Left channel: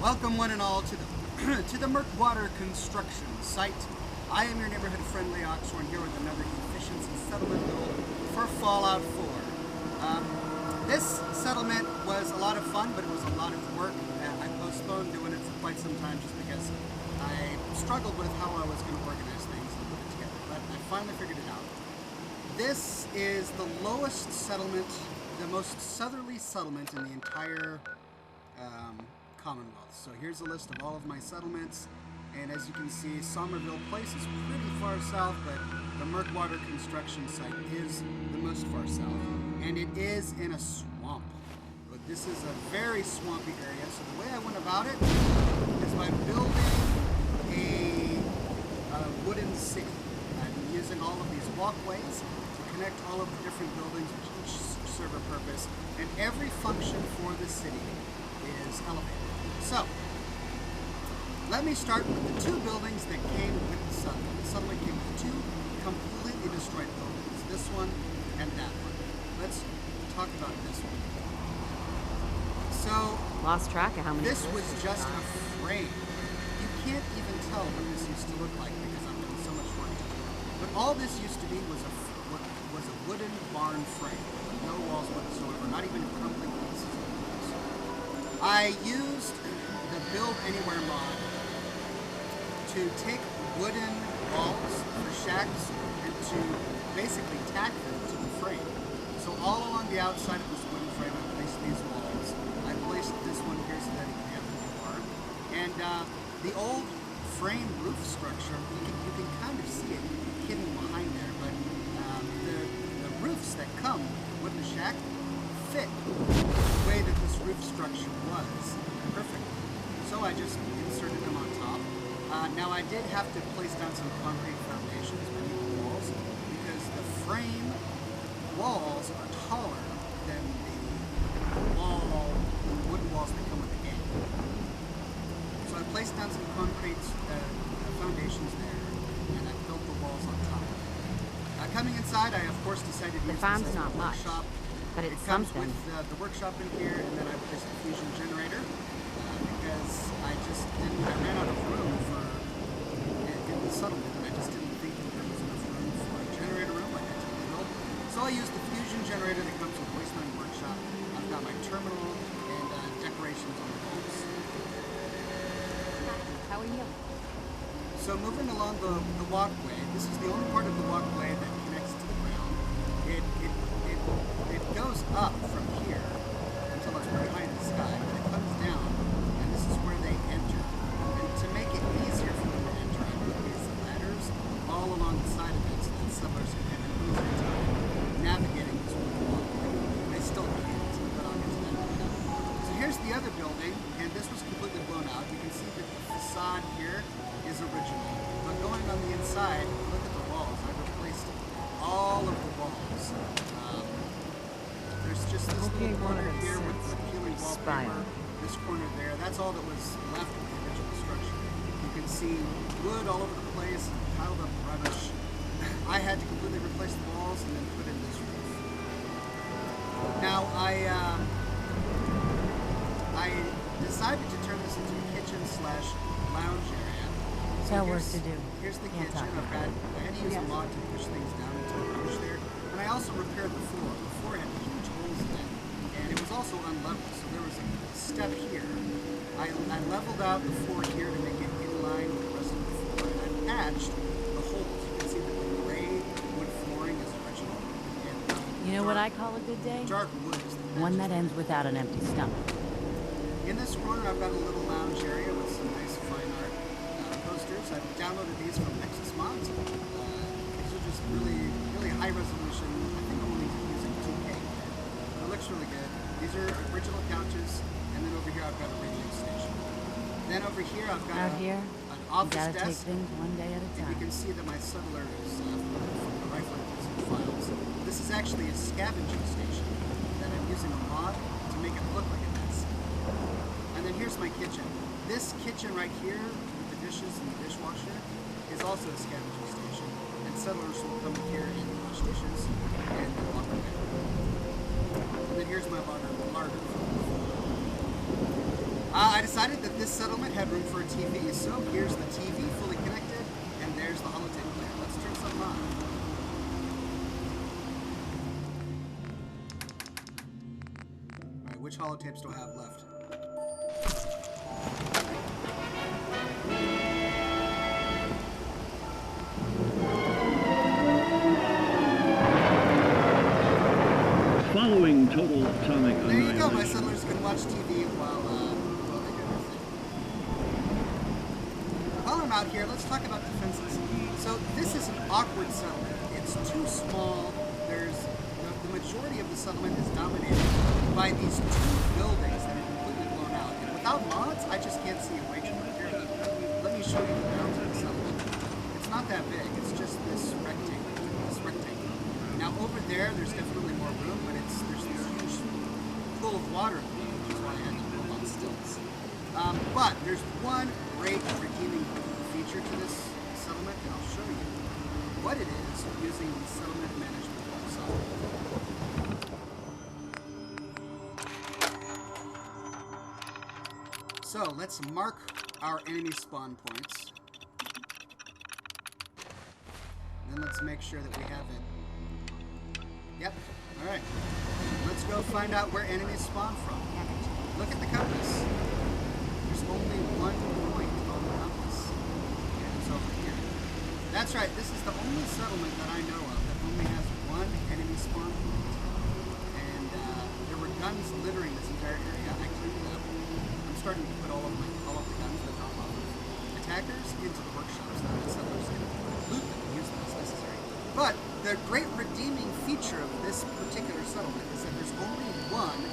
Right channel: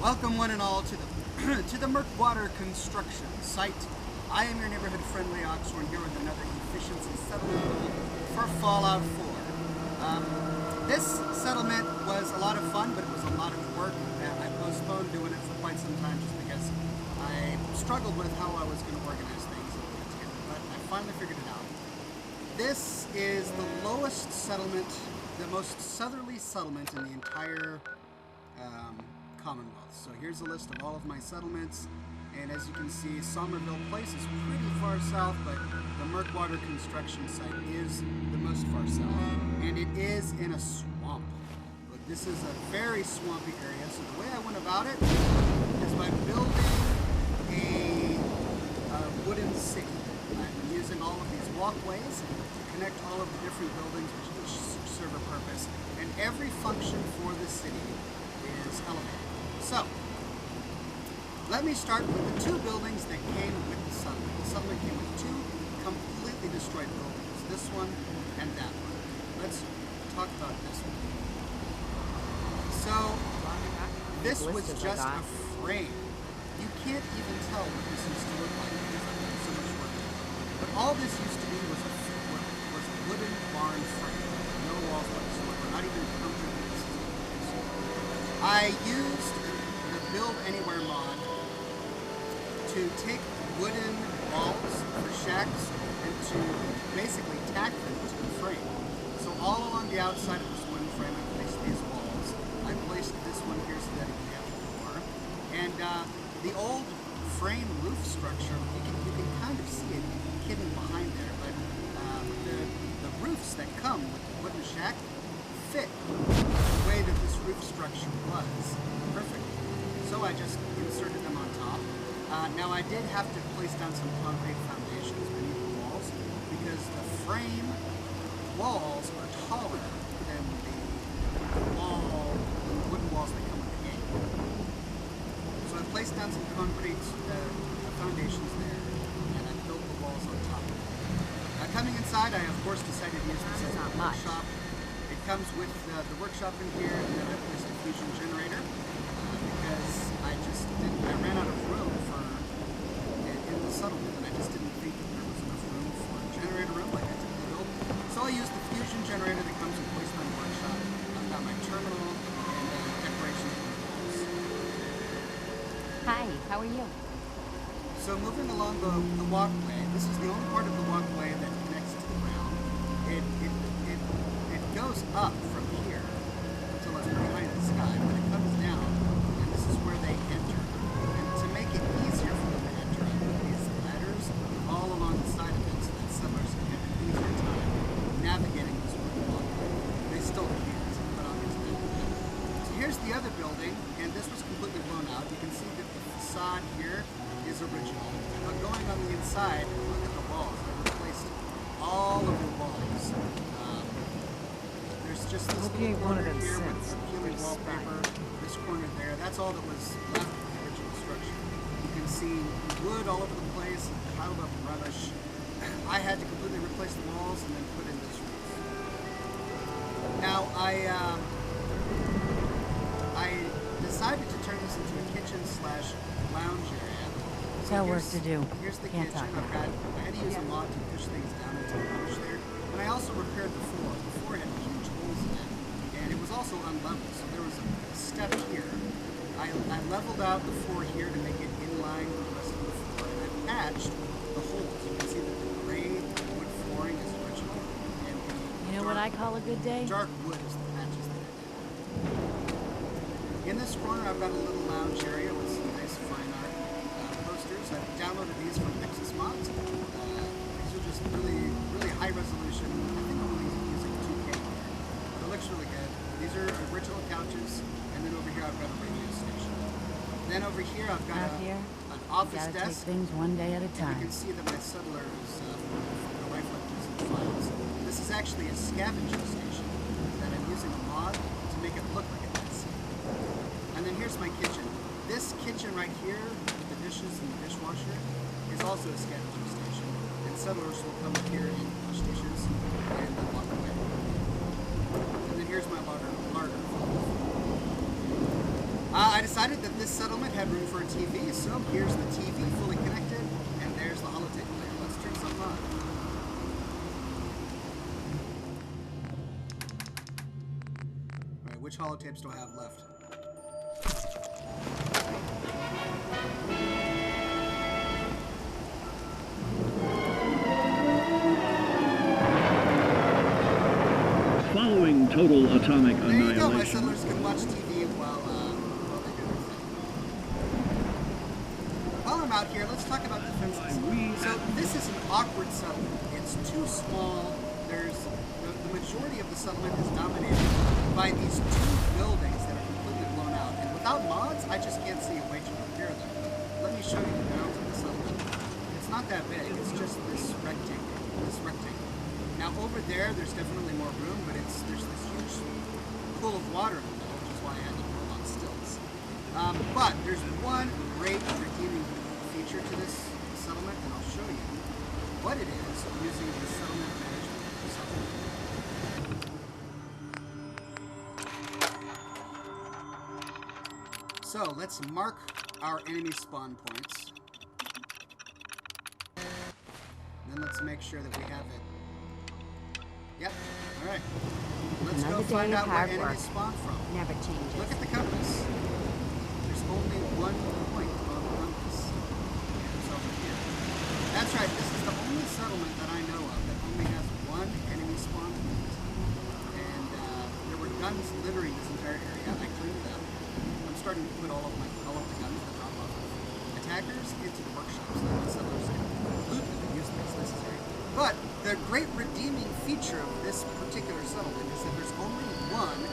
Welcome one and all to the to the Murkwater construction site. I am your neighborhood friendly Oxhorn here with another efficiency settlement build for Fallout 4. This settlement was a lot of fun, but it was a lot of work. I postponed doing it for quite some time just because I struggled with how I was going to organize things and put it together, but I finally figured it out. This is the lowest settlement, the most southerly settlement in the entire Commonwealth. So here's a list of all of my settlements, and as you can see, Somerville Place is pretty far south, but the Murkwater construction site is the most far south, and it is in a swamp. But this is a very swampy area, so the way I went about it is by building a wooden city. I'm using all of these walkways to connect all of the different buildings which each serve a purpose, and every function for the city is elevated. So, let me start with the two buildings that came with the settlement. The settlement came with two completely destroyed buildings, this one and that one. Let's talk about this one. So, lost track of how many this was just a frame. You can't even tell what this used to look like because I've done so much work. But all this used to be was a wooden barn frame with no walls whatsoever, not even concrete pieces. I used the Build Anywhere mod to take wooden walls for shacks and to basically tack them to the frame. So all along the outside of this wooden frame, I placed these walls. I placed this one here so that it can have a door. And the old frame roof structure, you can kind of see it hidden behind there, but the roofs that come with the wooden shack fit the way that this roof structure was perfectly. So I just inserted them on top. Now I did have to place down some concrete foundations beneath the walls because the frame walls are taller than the wooden walls that come with the game. So I placed down some concrete foundations there, and I built the walls on top of it. Coming inside, I of course decided to use this as a workshop. It comes with the workshop in here, and then I placed a fusion generator because I ran out of room in the settlement, and I just didn't think that there was enough room for a generator room like I typically build. So I used the fusion generator that comes with Wasteland Workshop. I've got my terminal and decorations on the walls. Hi, how are you? So moving along the walkway, this is the only part of the walkway that connects to the ground. It goes up from here until it's pretty high in the sky, but it comes down, and this is where they enter. And to make it easier for them to enter, I put these ladders all along the side of it so that settlers can have an easier time navigating this wooden walkway. They still can't, but I'll get to that in a minute. So here's the other building, and this was completely blown out. You can see that the facade here is original, but going on the inside, look at the walls. I've replaced all of the walls. There's just this little corner here with the peeling wallpaper, this corner there. That's all that was left of the original structure. You can see wood all over the place and piled up rubbish. I had to completely replace the walls and then put in this roof. Now, I decided to turn this into a kitchen/lounge area. So work to do. Here's the kitchen. I had to use a mod to push things down into the rubbish there. And I also repaired the floor. The floor had huge holes in it, and it was also unlevel, so there was a step here. I leveled out the floor here to make it in line with the rest of the floor, and I patched the holes. You can see that the gray wood flooring is original, and the what I call a good day? Dark wood is the patches. One that ends without an empty stomach. In this corner, I've got a little lounge area with some nice fine art posters. I've downloaded these from Nexus Mods. These are just really, really high resolution. I think I'm only using 2K here, but it looks really good. These are original couches, and then over here I've got a radio station. Then over here I've got an office desk. Take things one day at a time. And you can see that my settler is rifling through some files. This is actually a scavenging station that I'm using a mod to make it look like a desk. And then here's my kitchen. This kitchen right here with the dishes and the dishwasher is also a scavenging station, and settlers will come here and wash dishes and then walk away. And then here's my larder. I decided that this settlement had room for a TV, so here's the TV fully connected, and there's the holotape player. Let's turn something on. Alright, which holotapes do I have left? Following total atomic There you go, my annihilation. settlers can watch TV while they do their thing. While I'm out here, let's talk about defenses. So this is an awkward settlement. It's too small. There's the majority of the settlement is dominated by these two buildings that are completely blown out. And without mods, I just can't see a way to repair them. Let me show you the bounds of the settlement. It's not that big. It's just this rectangle. Now over there's definitely more room, but there's this huge pool of water in the middle, which is why I had to build on stilts. But there's one great redeeming feature to this settlement, and I'll show you what it is using the settlement management software. So let's mark our enemy spawn points. Then let's make sure that we have it. Yep. All right. Let's go find out where enemies spawn from. Never changes. Look at the compass. There's only one point on the compass. And it's over here. That's right. This is the only settlement that I know of that only has one enemy spawn point. And there were guns littering this entire area. I cleaned it up. I'm starting to put all of the guns that drop off of attackers into the workshops so that the settlers can loot them and use them as necessary. But the great redeeming feature of this particular settlement is that there's only one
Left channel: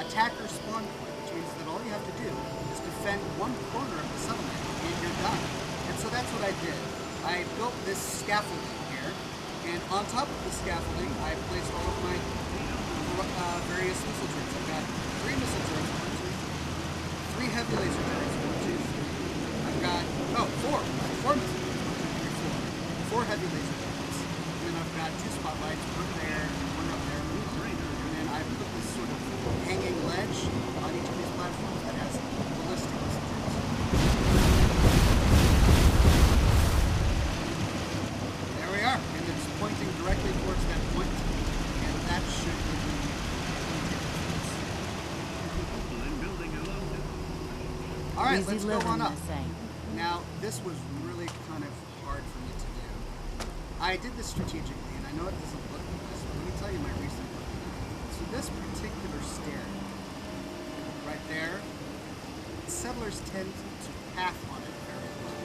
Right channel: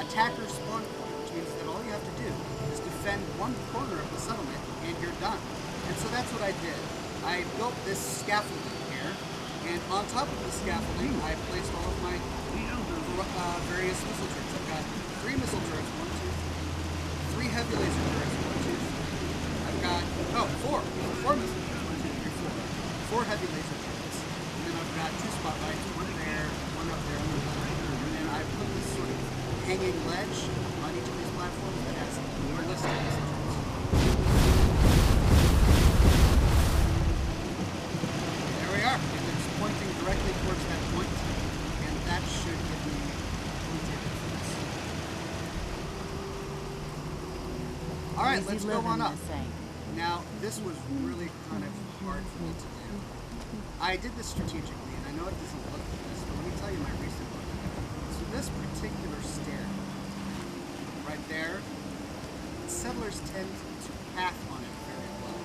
attacker spawn point, which means that all you have to do is defend one corner of the settlement and you're done. And so that's what I did. I built this scaffolding here, and on top of the scaffolding, I placed all of my various missile turrets. I've got 3 missile turrets, 1, 2, 3 heavy laser turrets, 1, 2, 3. I've got, 4 missile turrets, 1, 2, 3, 4. 4 heavy laser turrets. And then I've got 2 spotlights, one there and one up there. And then I put this sort of hanging ledge on each of these platforms that has ballistic missile turrets. There we are. And it's pointing directly towards that point. And that should give me plenty of defense. Alright, let's go on up. Now, this was really kind of hard for me to do. I did this strategically, and I know it doesn't look the best, but let me tell you my reason for it. So this particular stair, right there, settlers tend to path on it very well.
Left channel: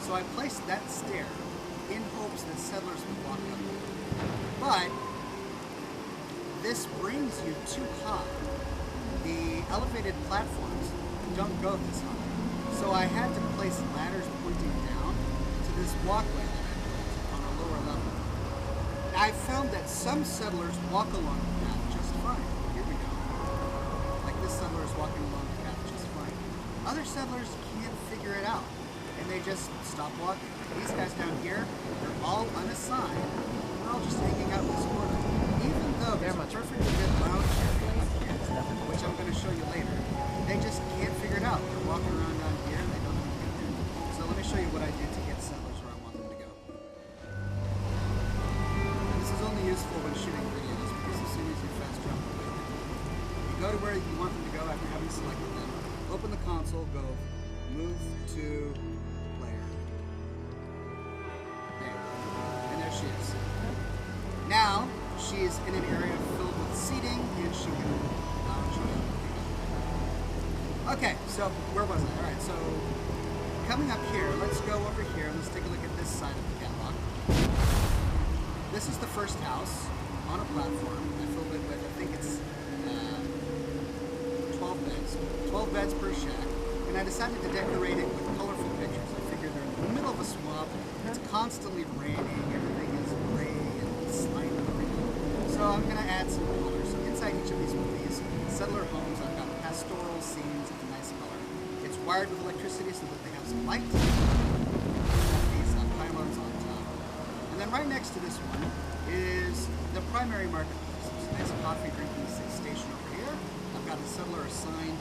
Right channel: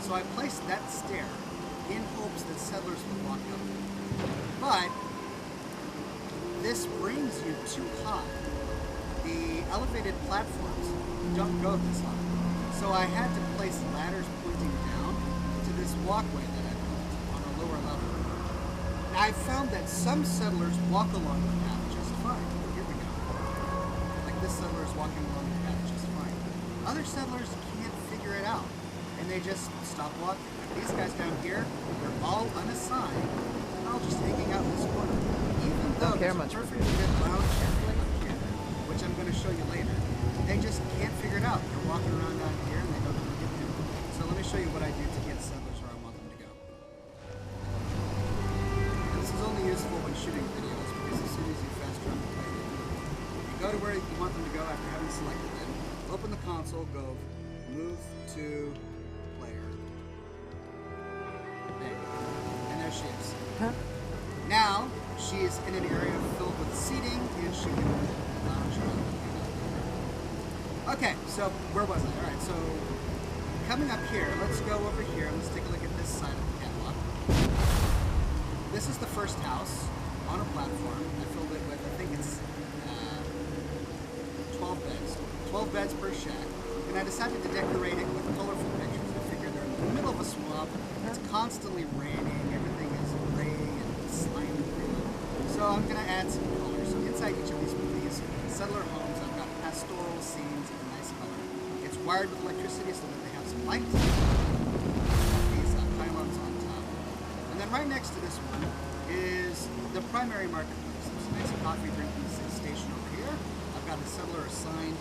So I placed that stair in hopes that settlers would walk up it. But this brings you too high. The elevated platforms don't go this high. So I had to place ladders pointing down to this walkway that I built on a lower level. I found that some settlers walk along the path just fine. Here we go. Like this settler is walking along the path just fine. Other settlers can't figure it out, and they just stop walking. Like these guys down here, they're all unassigned, and they're all just hanging out in this corner. Even though there's a perfectly good lounge area up here, which I'm going to show you later, they just can't figure it out. They're walking around down here, and they don't know how to get there. So let me show you what I do to get settlers where I want them to go. And this is only useful when shooting videos, because as soon as you fast travel away, they move. You go to where you want them to go after having selected them, open the console, go move to player. There. And there she is. Huh? Now, she's in an area filled with seating, and she can lounge around. Okay, so where was I? Alright, so coming up here, let's go over here and let's take a look at this side of the catwalk. This is the first house on a platform. I filled it with, I think it's 12 beds. 12 beds per shack. And I decided to decorate it with colorful pictures. I figured they're in the middle of a swamp. It's constantly raining. Everything is gray and slimy green. So I'm going to add some color. So inside each of these settler homes, I've got pastoral scenes and nice color. It's wired with electricity so that they have some light. These pylons on top. And then right next to this one is the primary marketplace. There's a nice coffee drinking station over here. I've got a settler assigned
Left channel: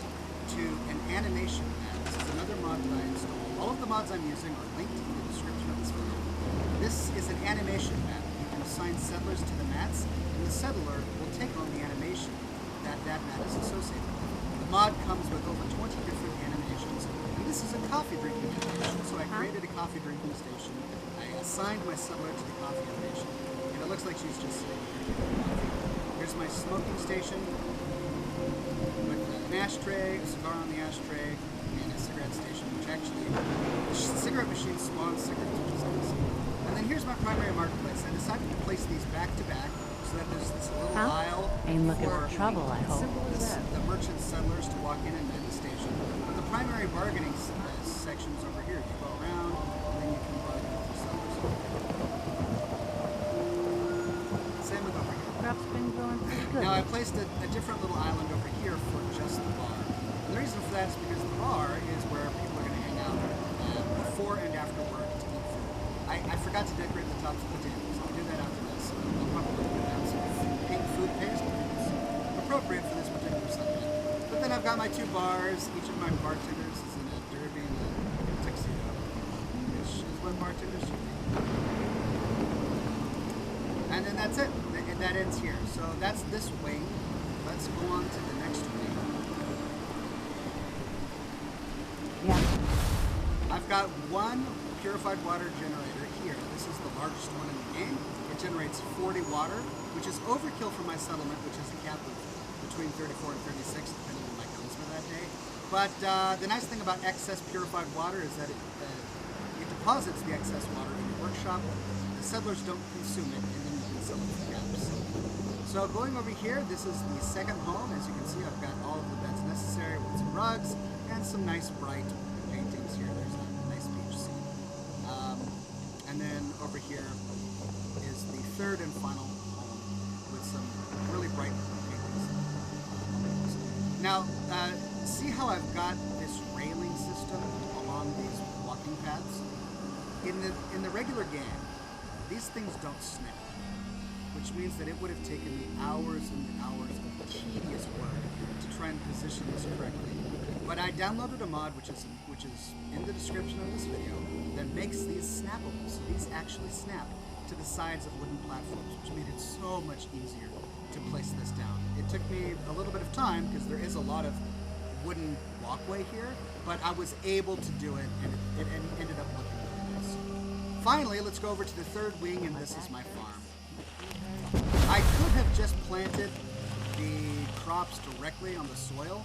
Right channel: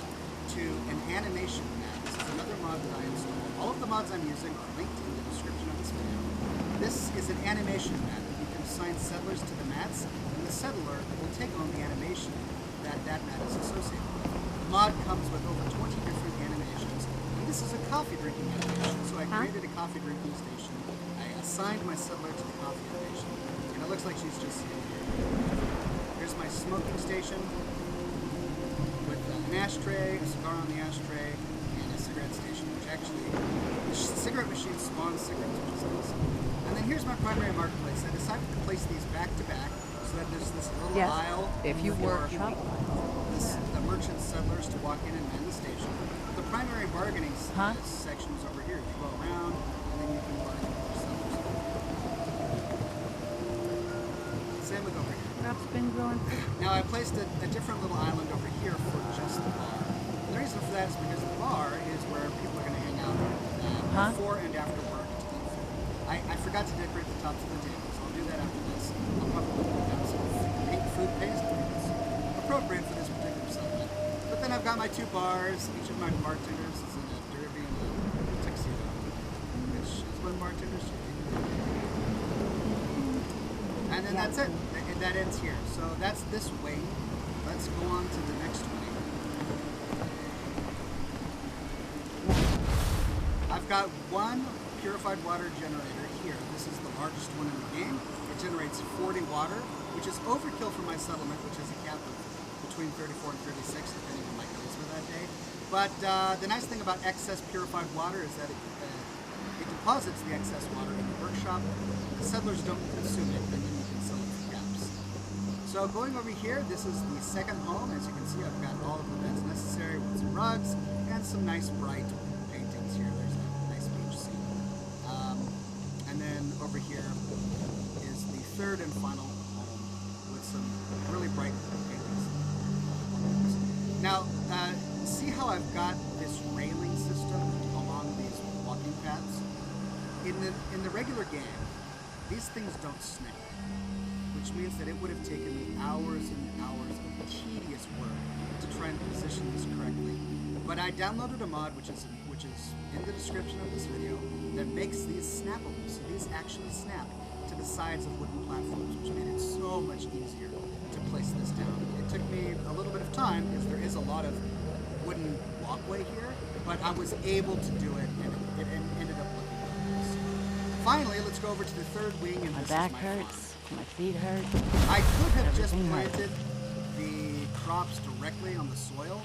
to to an animation mat. This is another mod that I installed. All of the mods I'm using are linked in the description of this video. This is an animation mat. You can assign settlers to the mats, and the settler will take on the animation that that mat is associated with. The mod comes with over 20 different animations, and this is a coffee drinking animation, so I created a coffee drinking station. I assigned my settler to the coffee animation, and it looks like she's just sitting here drinking coffee. Here's my smoking station with an ashtray, a cigar on the ashtray, and a cigarette station, which actually, the cigarette machine spawns cigarettes, which is awesome. And then here's my primary marketplace. I decided to place these back to back so that there's this little aisle for the merchant settlers to walk in and man the station. But the primary bargaining section is over here. You go around, and then you can bargain with your settlers over here. Same with over here. Crop's been growing pretty good. Now I placed a different little island over here for just the bar. And the reason for that is because the bar is where people are going to hang out before and after work to eat food. I forgot to decorate the tops of the tables. I'll do that after this. I'll probably put down some pink food paste because it's appropriate for this particular settlement. But then I've got my two bars. Each of my bartenders is in a derby and a tuxedo, which is what bartenders should be. And then that's it. That ends here. So that's this wing. Let's go on to the next wing. I've got one purified water generator here. This is the largest one in the game. It generates 40 water, which is overkill for my settlement, which has a cap of between 34 and 36, depending on my charisma that day. But the nice thing about excess purified water is that it deposits the excess water in the workshop. The settlers don't consume it, and then you can sell it for caps. So going over here, this is the second home. As you can see, I've got all of the beds necessary with some rugs and some nice bright paintings here. There's a nice beach scene. And then over here is the third and final home with some really bright paintings on the walls. Now, see how I've got this railing system along these walking paths? In the regular game, these things don't snap, which means that it would have taken me hours and hours of tedious work to try and position this correctly. But I downloaded a mod, which is in the description of this video, that makes these snappable. So these actually snap to the sides of wooden platforms, which made it so much easier to place this down. It took me a little bit of time because there is a lot of wooden walkway here, but I was able to do it, and it ended up looking really nice. Finally, let's go over to the third wing, and this is my farm. My feet hurt. I could have just planted the crops directly on the soil,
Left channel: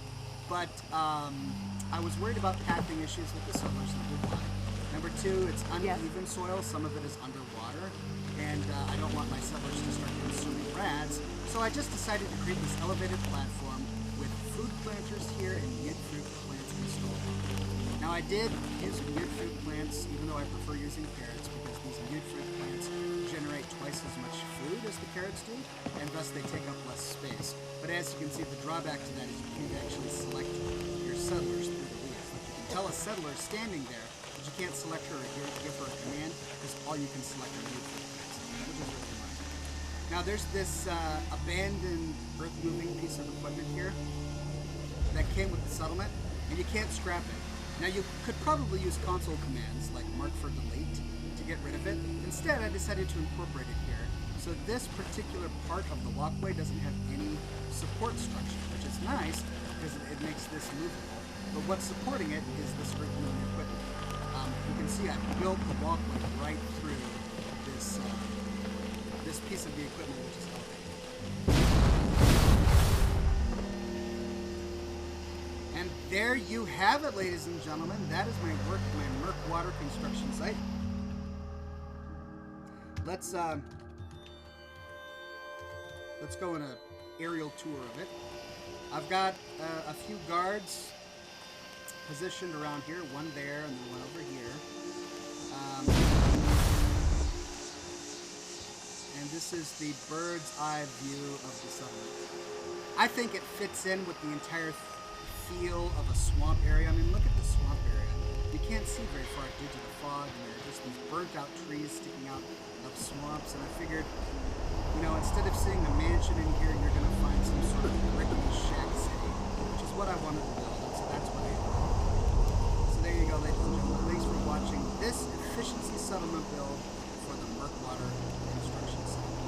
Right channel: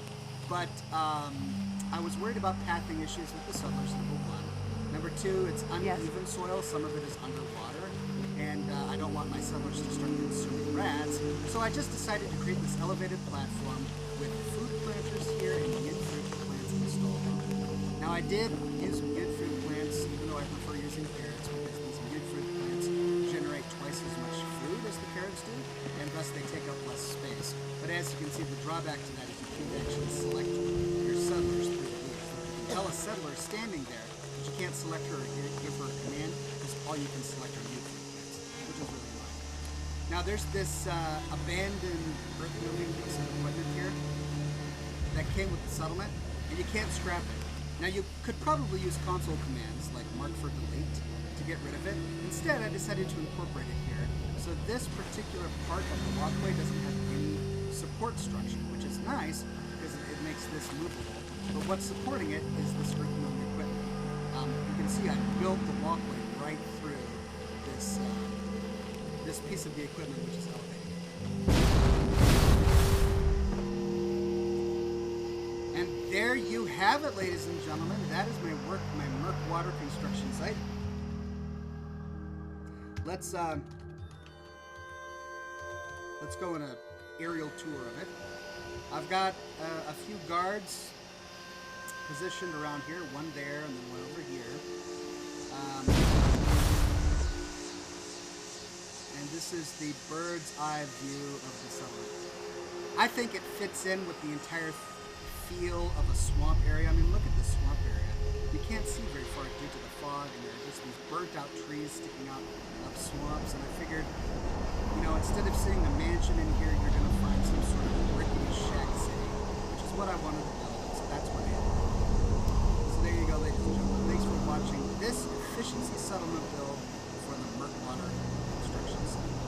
but I was worried about pathing issues with the settlers, number one. Number two, it's uneven soil. Some of it is underwater, and I don't want my settlers to start consuming rats. So I just decided to create this elevated platform with food planters here and mute fruit plants installed on it. Now I did use mute fruit plants, even though I prefer using carrots, because these mute fruit plants generate twice as much food as the carrots do, and thus they take up less space. But as you can see, the drawback to that is you can't actually select your settlers through the wheels. Like you can tell a settler standing there, but you can't select her or give her a command, because all you can select are mute fruit plants, which is really annoying. Now there's this abandoned earth-moving piece of equipment here that came with the settlement, and you can't scrap it. Now you could probably use console commands like mark for delete to get rid of it. Instead, I decided to incorporate it here. So this particular part of the walkway doesn't have any support structure, which is nice because it makes this movable. But what's supporting it is this earth-moving equipment. You can see I built the walkway right through this this piece of the equipment, which is elevated. And there you have it, ladies and gentlemen. That is my Murkwater construction site. Let's go on an aerial tour of it. I've got a few guards positioned around here, one there and then one over here. And this is the bird's eye view of the settlement. I think it fits in with the entire feel of a swamp area. I mean, look at the swamp area. You can't see very far due to the fog, and there are just these burnt out trees sticking out of swamps. And I figured, you know, instead of seeing a mansion in here, you're going to find some sort of rickety shack city, which is what I wanted to build. And so that's watching this efficiency settlement bill for the Murkwater construction site.